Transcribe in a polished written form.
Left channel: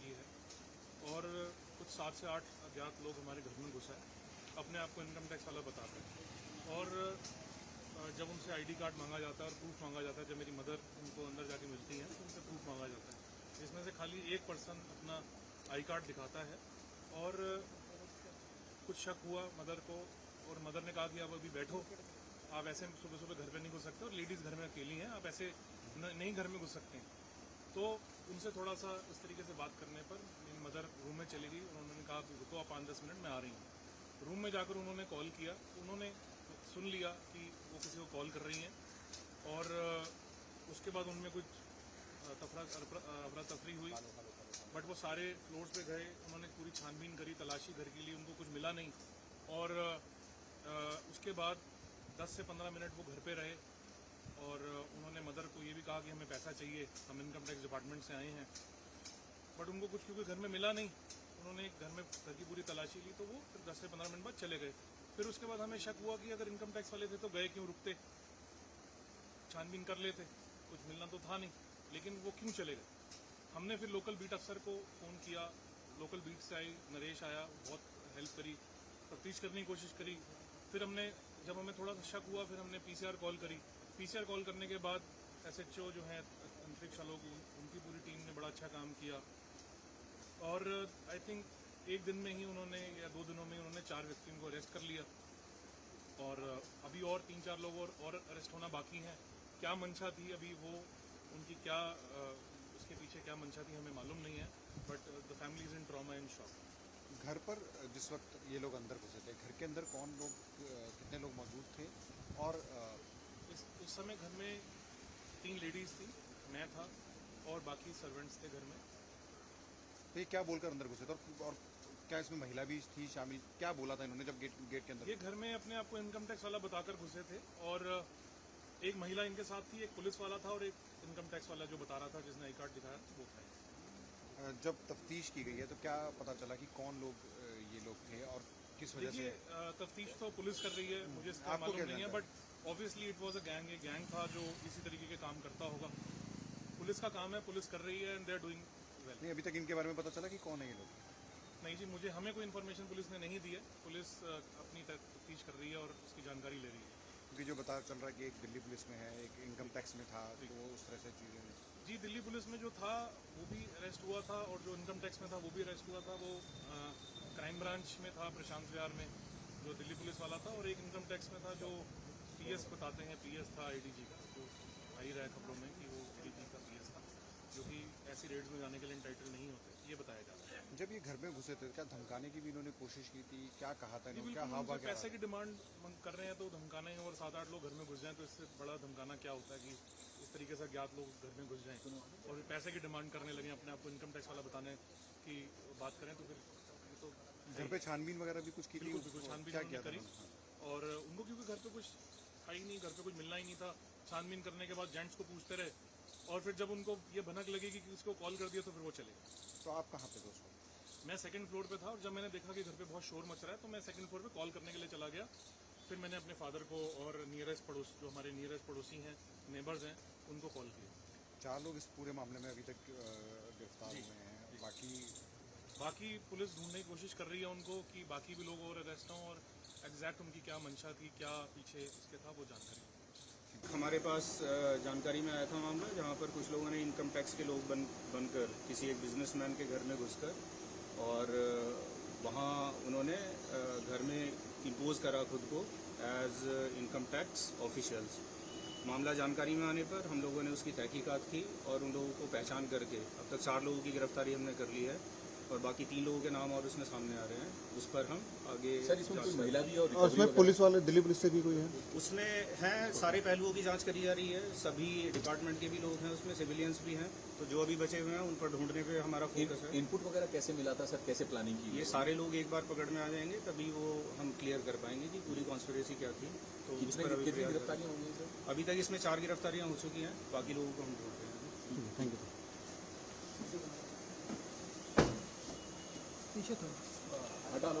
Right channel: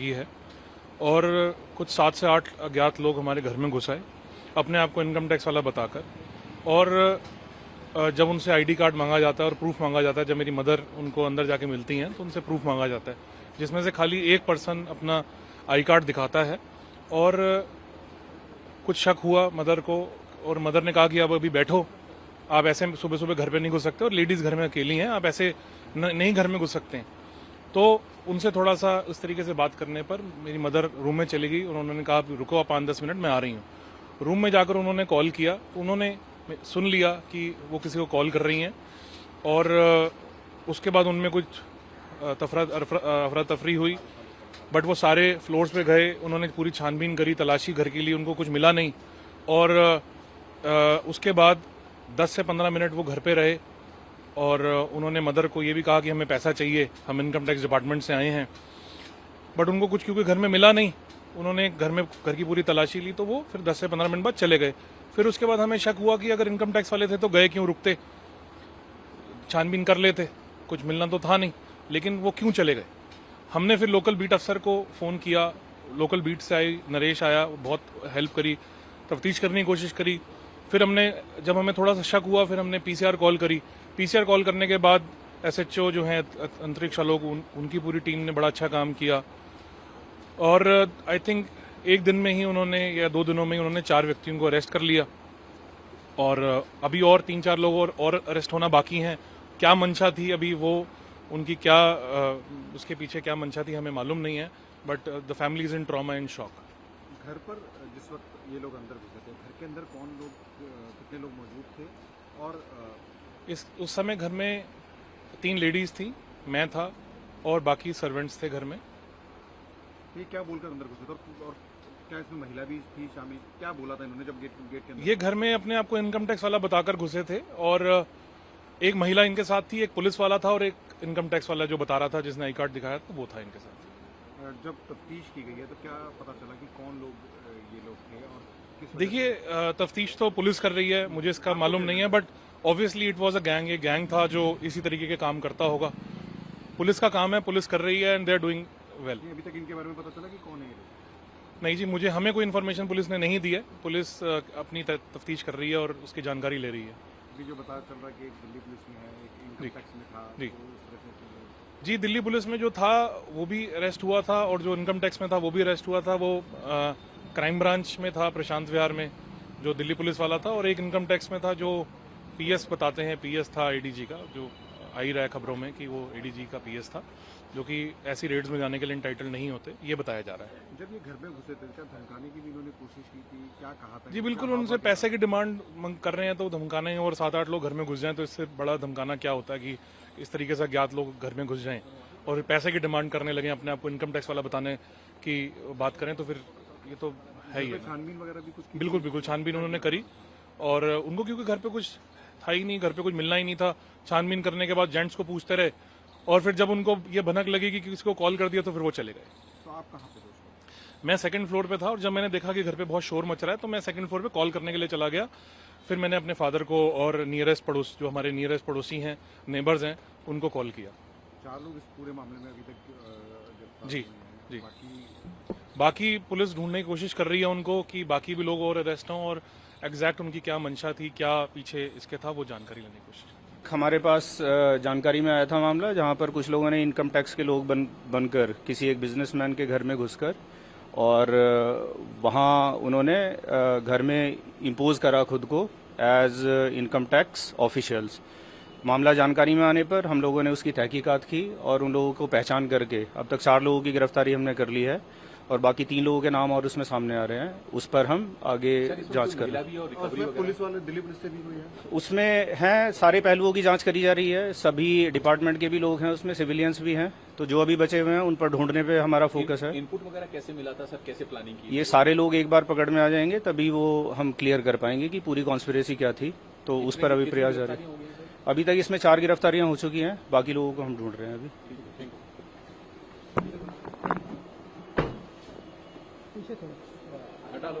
ही है और कुछ 7 से 8 अज्ञात लोग हमारे घर में घुस आए अपने आप को इनकम टैक्स वाला बताकर। और जब उनसे आईडी कार्ड मांगा जाता है और प्रूफ मांगा जाता है, जब मेरी मदर उनको अंदर जाके मिलती हैं तो उनसे प्रूफ मांगा जाता है, जिसमें से खाली एक पर्सन अपना आई कार्ड दिखाता है। और कुछ शक हुआ मदर को और मदर ने कहा कि अब अभी बैठो, आप ऐसे सुबह सुबह घर पे नहीं घुस सकते और लेडीज़ घर में अकेली हैं, आप ऐसे नहीं घर में घुस सकते हैं। तो उनसे थोड़ा सा इस तरीके से बात करने पर मेरी मदर रूम में चली गई और उन्होंने कहा रुको आप 5-10 मिनट मैं आ रही हूँ। रूम में जाकर उन्होंने कॉल किया, उन्होंने सुन लिया कि वो किसी को कॉल कर रही हैं और उसके बाद उनमें कुछ अफरा तफरी हुई। बट वो सारे फ्लोर्स पे गए, उन्होंने पूरी छानबीन करी, तलाशी घर के लिए, उनको कुछ मिला नहीं। और उसके बाद 10 से 15 मिनट वो घर पे रहे और उन्होंने मदर को ये भी कहा कि हमें पैसा चाहिए, हम इनकम टैक्स डिपार्टमेंट से आए हैं। बट उनको कुछ क्योंकि घर में मिला नहीं, उन्होंने घर की पूरी तलाशी ली, तो वो फिर 10 से 15 मिनट बाद चले गए। फिर उसके बाद हमें शक हुआ कि अगर इनकम टैक्स वाले थे तो गए क्यों, रुकते, छानबीन कर लेते, कुछ मिलना तो था नहीं, लेकिन वो क्यों चले गए। हमने फिर लोकल बीट अफसर को फ़ोन किया, लोकल बीट से आई, नरेश आया, बहुत हेल्प करी, तफ्तीश करने की कोशिश करी। फिर जब हमें थोड़ा सा शक हुआ, फिर हमने पीसीआर कॉल करी। पीसीआर कॉल करने के बाद एसएचओ जो हैं अंतरिक्ष आलोक, उनकी पूरी टीम ने बड़ा अच्छा काम किया और आई थिंक एक दिन में ही उन्होंने या 2 दिनों में ही उन्होंने 4 व्यक्तियों को अरेस्ट कर लिया और अभी और 3-4 लोग और अरेस्ट होना बाकी हैं। क्या मंशा थी अभी वो उनकी, क्या उसके पीछे क्या मंशा थी हमें मालूम नहीं है, but the family is in trauma and shock. घर पर जिस वक्त ये लोग अंदर घुसे थे, घर के अंदर कौन लोग, कितने लोग मौजूद थे? और उस समय घर में 3 लेडीज थी, मैं था और बाकी सर्वेंट्स थे घर में। ये क्या बोलकर अंदर घुसे थे और क्या इसमें महिला भी थी शामिल? क्या बोला था इन्होंने जब गेट के अंदर? ये घर में अपने आप को इनकम टैक्स वाला बताकर घुसे थे और एक महिला इनके साथ थी, एक पुलिस वाला था और एक इनकम टैक्स वाला जो बता रहा था, जिसने आई कार्ड दिखाया तो वो था इनके साथ। जब तफ्तीश की गई है तो क्या पता चला कि कौन लोग ये लोग थे और किस वजह देखिए, तफ्तीश तो पुलिस कर रही है, मुझे इसका मालूम नहीं है, but obviously it was a gang, ये गैंग था जो इसी तरीके के काम करता होगा। पुलिस का काम है, पुलिस कर रही है and they are doing well. अभी तक इनके बारे में पता चला कि कौन है ये लोग? नहीं जी, हमें कोई इन्फॉर्मेशन पुलिस ने नहीं दी है। पुलिस अपनी तफ्तीश कर रही है और उसकी जानकारी ले रही है। अभी जो पता चल रहा है कि एक दिल्ली पुलिस में है, एक इनकम टैक्स में था, जी तो उस तरह से चल रहा है। जी, दिल्ली पुलिस में जो था वो भी अरेस्ट हुआ था और जो इनकम टैक्स में था वो भी अरेस्ट हुआ था। वो क्राइम ब्रांच में था, प्रशांत विहार में, जो दिल्ली पुलिस वाला था, और एक इनकम टैक्स में था जो पीएस बताते हैं, पीएस था एडीजी का, जो आ ही रहा है खबरों में कि वो एडीजी का पीएस था, जो कि ऐसी रेड्स में जाने के लिए इंटाइटल नहीं होते, ये बताया जा रहा है। जब ये घर में घुसे थे, क्या धमकाने की भी इन्होंने कोशिश की थी? क्या कहा था? जी बिल्कुल, उनसे पैसे की डिमांड कर रहे हैं तो धमकाना ही, और 7-8 लोग घर में घुस जाएं तो इससे बड़ा धमकाना क्या होता है कि इस तरीके से अज्ञात लोग घर में घुस जाएं और पैसे की डिमांड करने लगे, अपने आप को इनकम टैक्स वाला बताने की बात करें, तो फिर ये तो है ही है। छानबीन वगैरह भी कुछ की? बिल्कुल बिल्कुल, छानबीन उन्होंने करी और उनको क्योंकि घर पे कुछ था ही नहीं, घर पे कुछ मिलना ही नहीं था, छानबीन करने के बाद जेंट्स को पूछते रहे और फिर जब उनको ये भनक लगी कि किसी को कॉल कर दिया तो फिर वो चले गए। तो आप कहाँ पे थे? मैं सेकंड फ्लोर पे था और जब मैंने देखा कि घर पे बहुत शोर मच रहा है तो मैं सेकंड फ्लोर पे कॉल करने के लिए चला गया। फिर मैंने अपने फादर को और जो हमारे नियरेस्ट पड़ोसी हैं, नेबर्स हैं, उनको कॉल किया। 4 लोग इस पूरे मामले में अभी तक गिरफ्तार जी हुए हैं। जी, बाकी पुलिस ढूंढने की कोशिश कर रही है उनको कि बाकी भी लोग और अरेस्ट हों और एग्जैक्ट उनकी क्या मंशा थी, क्या पीछे इसके था, वो जानकारी लेने की कोशिश। हमारे पास जानकारी में आया था मामला, जहां पर कुछ लोगों ने इनकम टैक्स के लोग बनकर किसी एक बिजनेसमैन के घर में घुसकर और वहां उन्होंने घर में इम्पोज करा खुद को एज इनकम टैक्स ऑफिशियल्स। मामला जानकारी में आने पर हम लोगों ने उसकी तहकीकात की और उन लोगों को पहचान करके अब तक 4 लोगों की गिरफ्तारी हमने कर ली है और बाकी 3 लोगों के नाम और उसमें सामने आ रहे हैं, उस पर हम आगे जांच कर रहे हैं। पुलिस वाले, दिल्ली पुलिस से भी कोई है उसमें हैं, सारे पहलुओं की जांच करी जा रही है, सभी डिपार्टमेंट के भी लोग हैं उसमें, सिविलियंस भी हैं, तो जो अभी बचे हुए हैं उन पर ढूंढने पे हमारा फोकस है। इनपुट वगैरह कैसे मिला था सर, कैसे प्लानिंग की? ये सारे लोग एक बार पकड़ में आ जाएंगे तभी वो हम क्लियर कर पाएंगे कि पूरी कॉन्स्पिरेसी क्या थी, तो उस पर अभी प्रयास जारी है। अभी तक इसमें 4 गिरफ्तारियां हो चुकी हैं, बाकी लोगों को हम ढूंढ रहे हैं अभी। हटा दो